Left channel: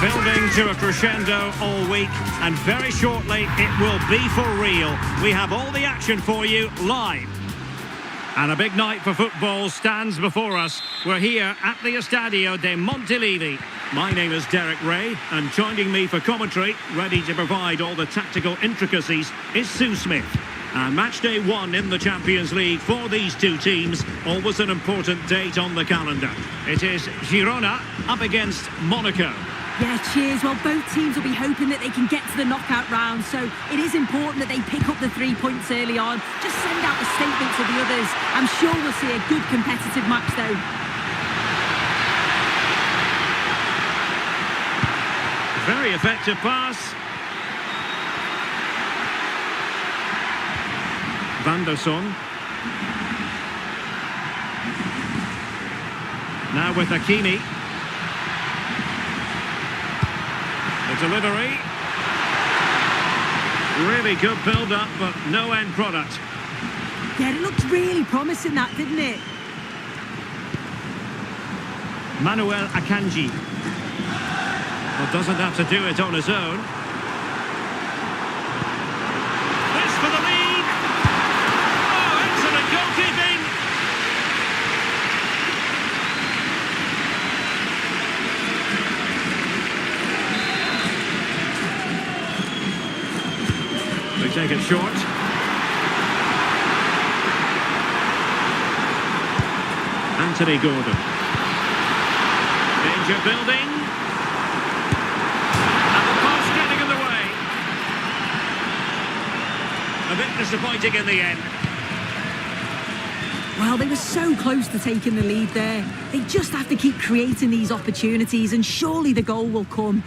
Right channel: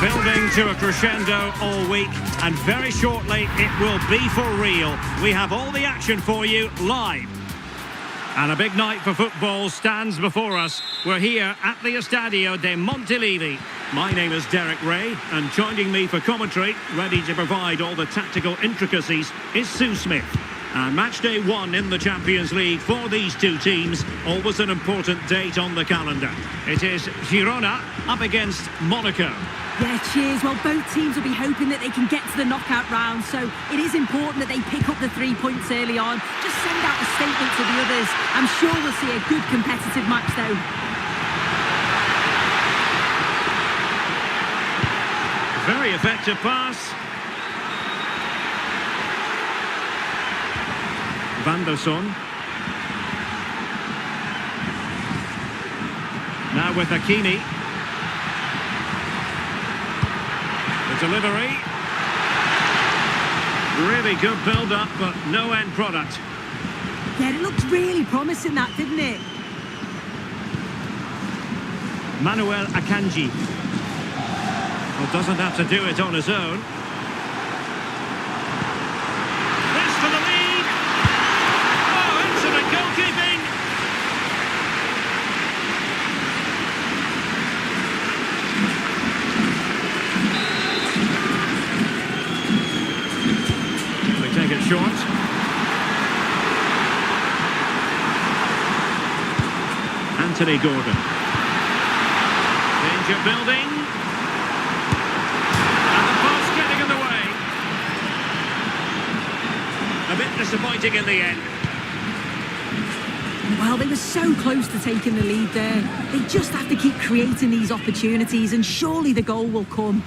Building to a crescendo all week, and very shortly it will be for real. We have all the action for you live. And a big night for football stands before us. We're here at the Estadio de Montilivi. My name is Derek Ray, and joining me for commentary, ready to provide all the tactical intricacies, is Sue Smith. And match day 1 in the Champions League for these two teams, always an important date on the calendar. It is Girona up against Monaco. Yeah, cheers. Well, both teams will be hoping that they can get to the knockout round, so it is important that they pick up the 3 points early on. Just send out a statement to the others. I'm sure we'll see a good competitive match, though. Very effective pass. Van der Son. Now with Hakimi. The delivery. Really good build-up, but no end product. Yeah, it looked really promising, that, didn't it? Manuel Akanji. Well, doesn't have to do it on his own. This for the lead. Oh, excellent goalkeeping. They take it short. Anthony Gordon. Danger building. And the post getting in the way. A bit disappointing in the end. Well, they were so close to taking the lead there. They just have to keep creating these opportunities, and surely the goal will come.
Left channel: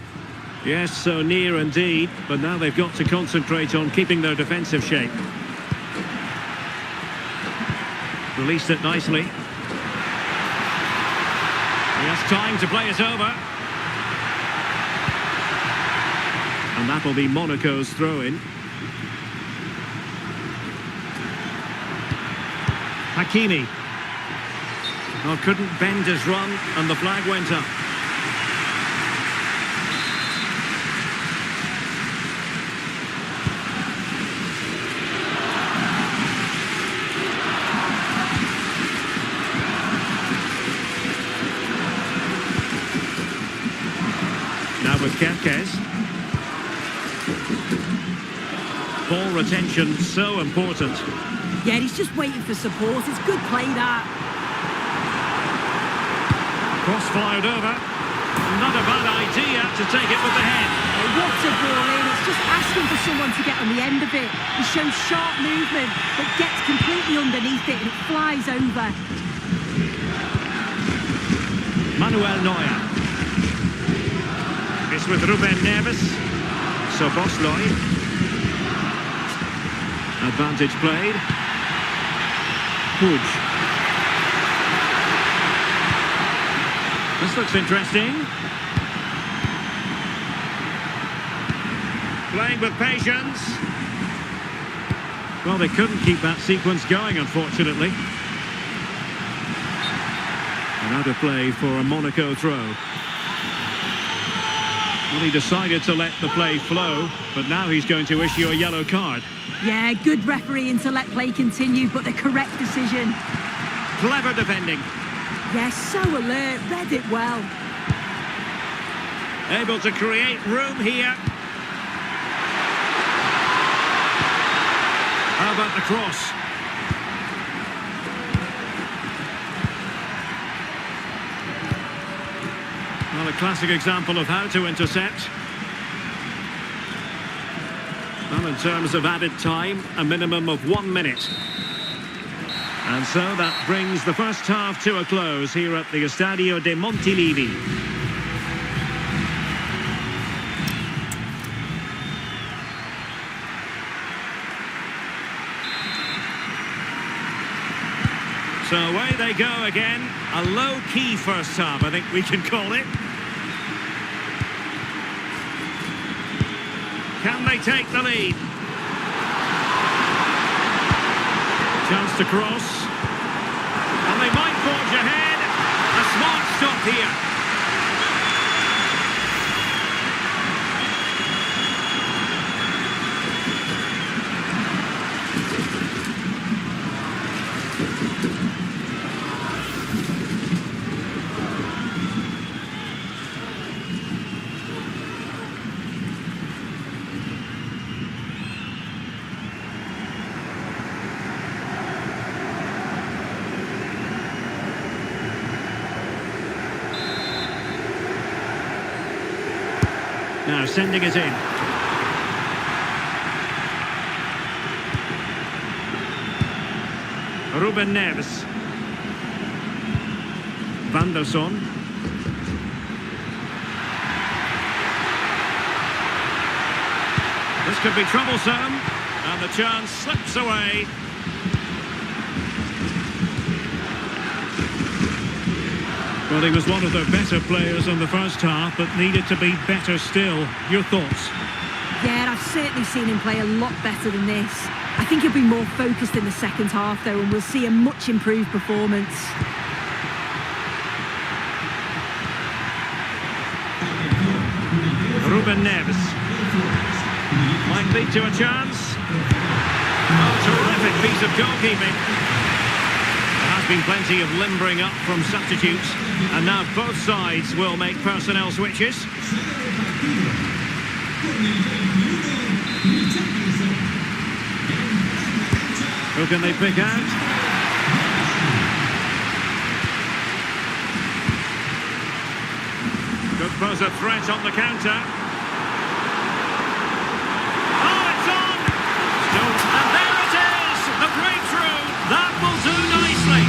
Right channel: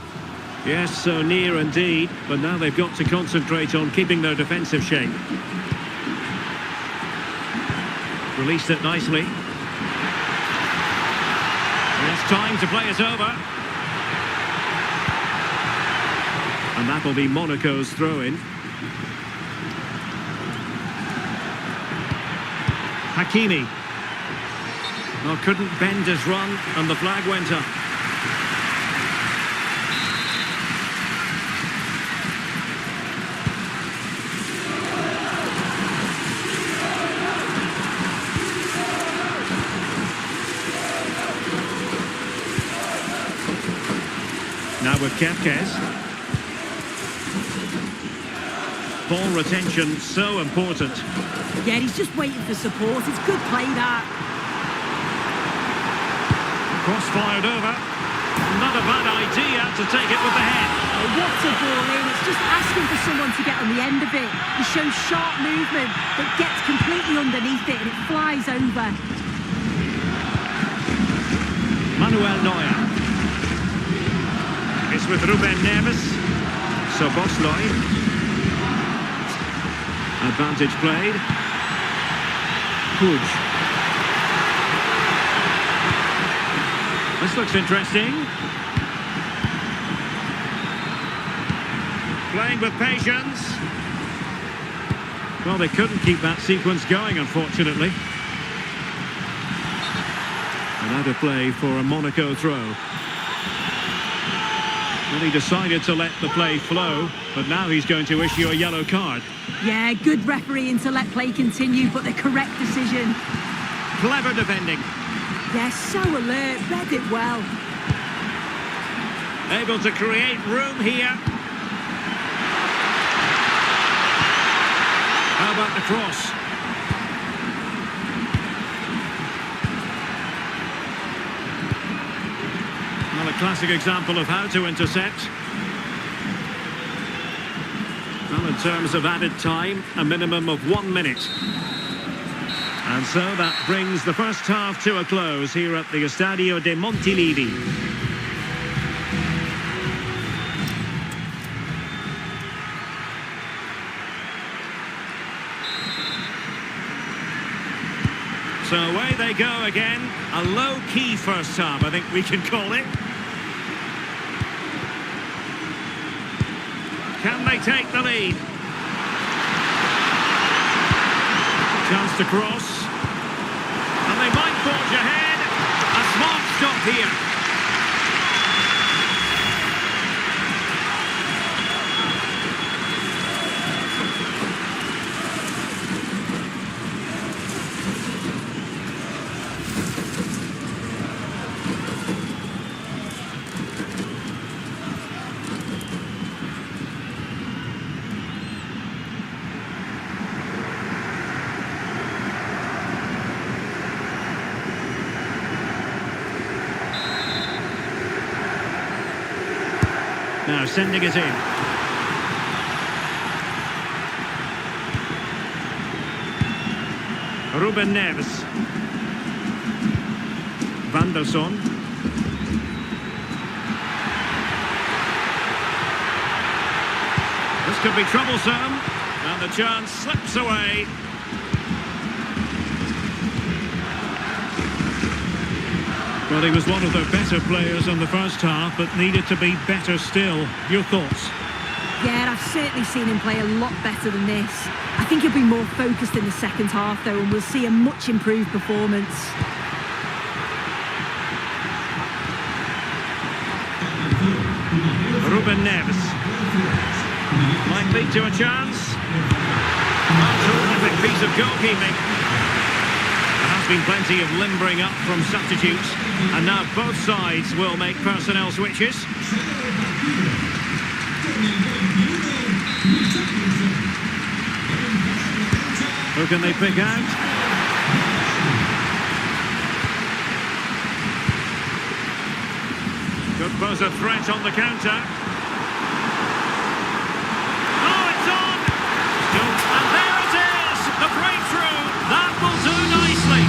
Yes, so near indeed, but now they've got to concentrate on keeping their defensive shape. Released it nicely. He has time to play it over. And that'll be Monaco's throw-in. Hakimi. Oh, couldn't bend his run, and the flag went up. Now with Kerkez. Ball retention so important. Yeah, he's just waiting for support. It's good play, that. Cross fired over. Not a bad idea to take it with the head. Oh, what a ball in. It's just asking for someone to get on the end of it. He shows sharp movement, but gets completely underneath it, and it flies over. Manuel Neuer. It's with Ruben Neves. Szoboszlai. Advantage played. Puig. This looks interesting. Playing with patience. Well, they couldn't keep that sequence going, unfortunately. And out of play for a Monaco throw. Well, he decided to let the play flow, but now he's going to issue a yellow card. Yeah, good refereeing to let play continue, but the correct decision. Clever defending. Yes, so alert, read it well. Able to create room here. How about the cross? Well, a classic example of how to intercept. Well, in terms of added time, a minimum of 1 minute. And so that brings the first half to a close here at the Estadio de Montilivi. So away they go again. A low-key first half, I think we can call it. Can they take the lead? Chance to cross. And they might forge ahead. A smart stop here. Now sending it in. Ruben Neves. Van der Son. This could be troublesome. And the chance slips away. Well, he was one of the better players in the first half, but needed to be better still. Your thoughts? Yeah, I've certainly seen him play a lot better than this. I think he'll be more focused in the second half, though, and we'll see a much improved performance. Ruben Neves. Might lead to a chance. Oh, terrific piece of goalkeeping. There has been plenty of limbering up from substitutes, and now both sides will make personnel switches. Who can they pick out? Could pose a threat on the counter. Oh, it's on! And there it is! The breakthrough! That will do nicely!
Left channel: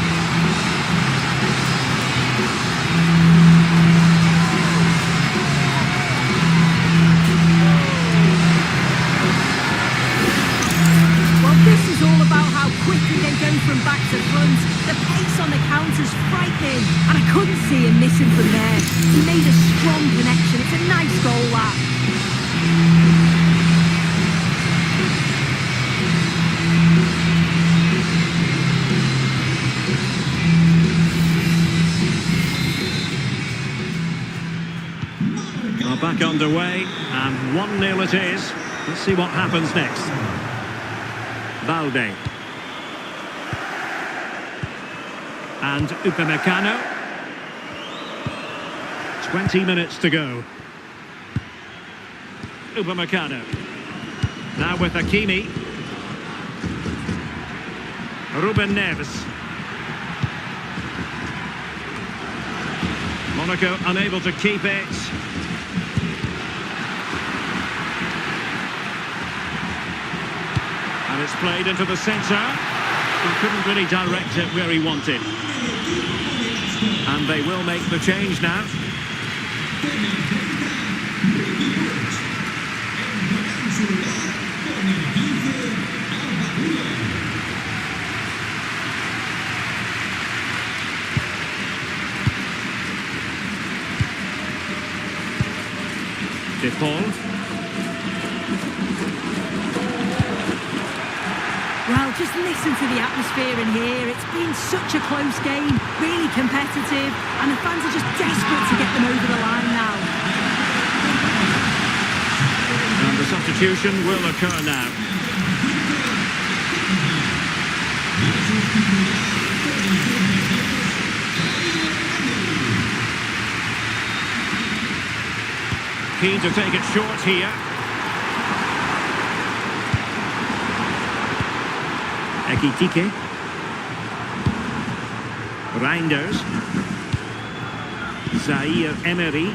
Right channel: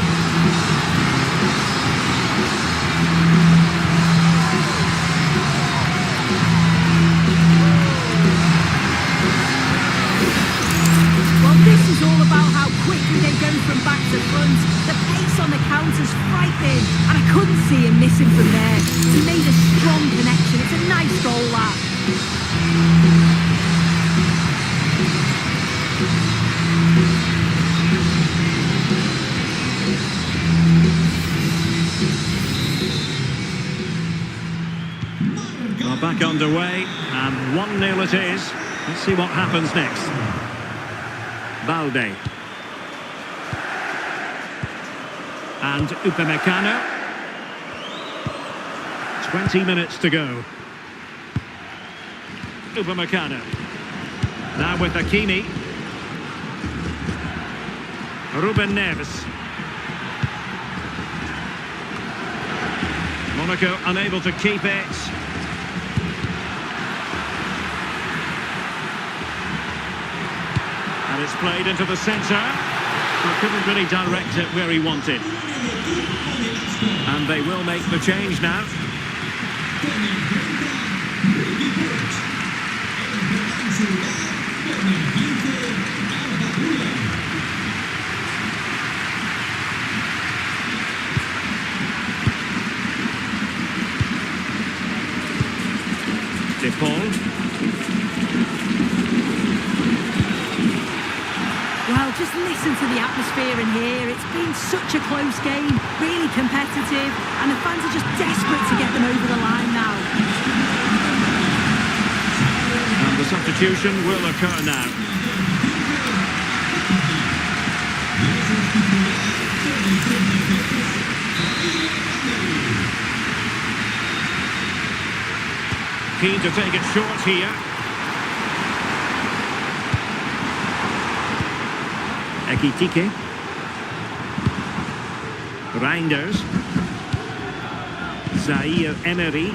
Well, this is all about how quickly they go from back to front. The pace on the counter's frightening, and I couldn't see him missing from there. He made a strong connection. It's a nice goal, that. Well, back underway, and 1-0 it is. Let's see what happens next. Balde. And Upamecano. 20 minutes to go. Upamecano. Now with Hakimi. Ruben Neves. Monaco unable to keep it. And it's played into the centre. But couldn't really direct it where he wanted. And they will make the change now. De Paul. Well, just listen to the atmosphere in here. It's been such a close game, really competitive, and the fans are just desperate to get them over the line now. And the substitution will occur now. Keen to take it short here. Ekitike. Reinders. Zaire Emery.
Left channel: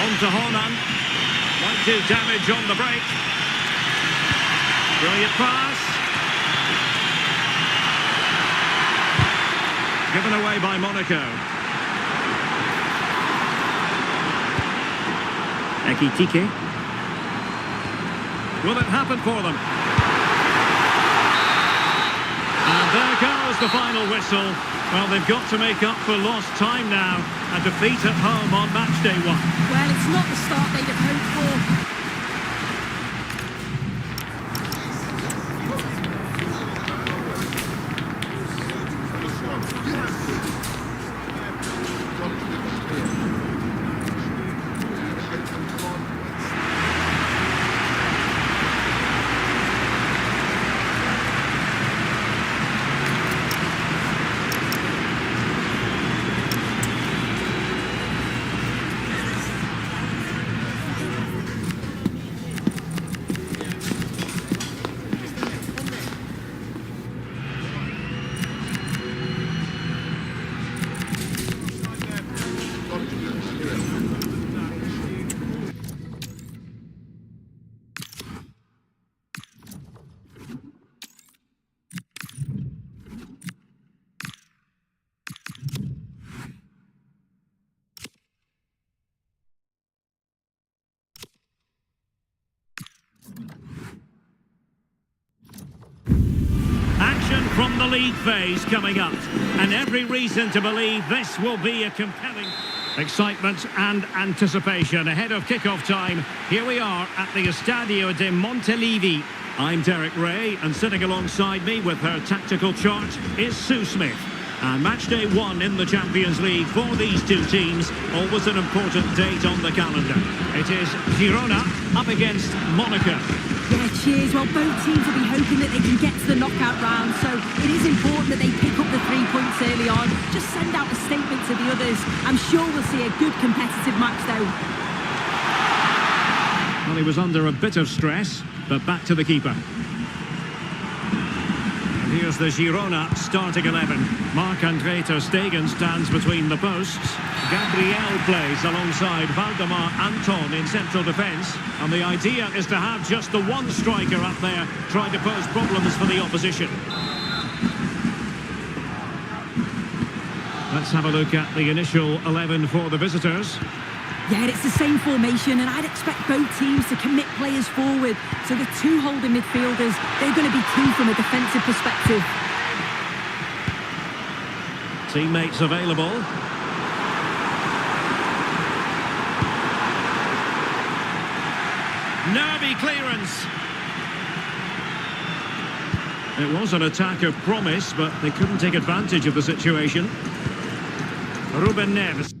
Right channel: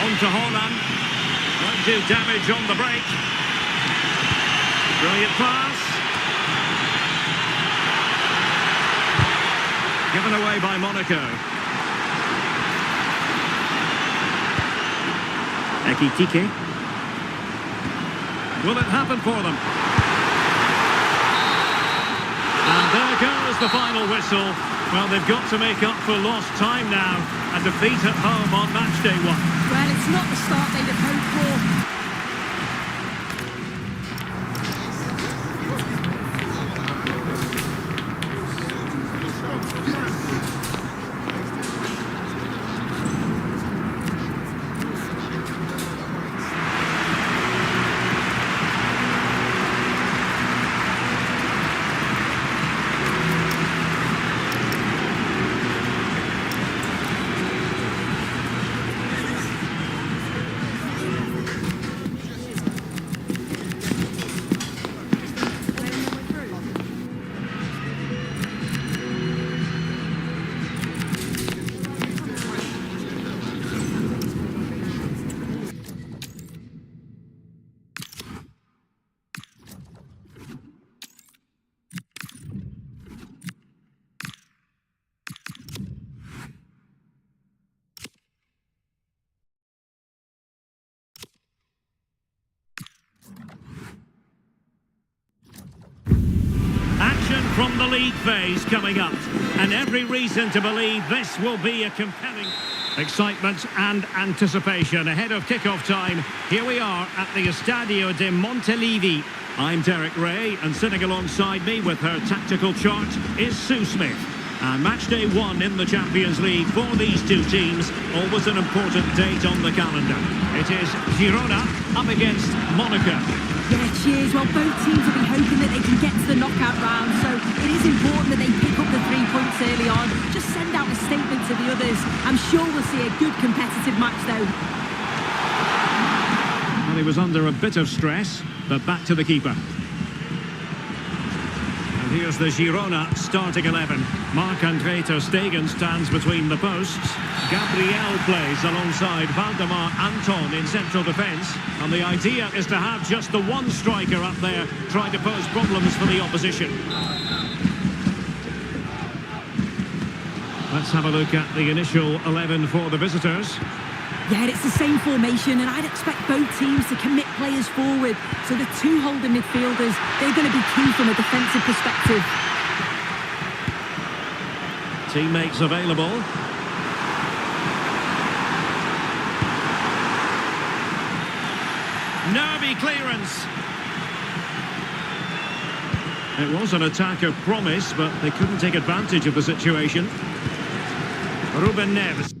On to Haaland. Might do damage on the break. Brilliant pass. Given away by Monaco. Ekitike. Will it happen for them? And there goes the final whistle. Well, they've got to make up for lost time now. A defeat at home on match day 1. Well, it's not the start they'd have hoped for. action from the league phase coming up. And every reason to believe this will be a compelling... Excitement and anticipation ahead of kick-off time. Here we are at the Estadio de Montilivi. I'm Derek Ray, and sitting alongside me with her tactical chart is Sue Smith. And match day 1 in the Champions League for these two teams, always an important date on the calendar. It is Girona up against Monaco. Yeah, cheers. Well, both teams will be hoping that they can get to the knockout round, so it is important that they pick up the 3 points early on. Just send out a statement to the others. I'm sure we'll see a good competitive match, though. Well, he was under a bit of stress, but back to the keeper. And here's the Girona starting 11. Marc-André ter Stegen stands between the posts. Gabriel plays alongside Valdemar Anton in central defence. And the idea is to have just the one striker up there trying to pose problems for the opposition. Let's have a look at the initial 11 for the visitors. Yeah, it's the same formation, and I'd expect both teams to commit players forward. So the two holding midfielders, they're going to be key from a defensive perspective. Teammates available. Nervy clearance. It was an attack of promise, but they couldn't take advantage of the situation. Ruben Neves.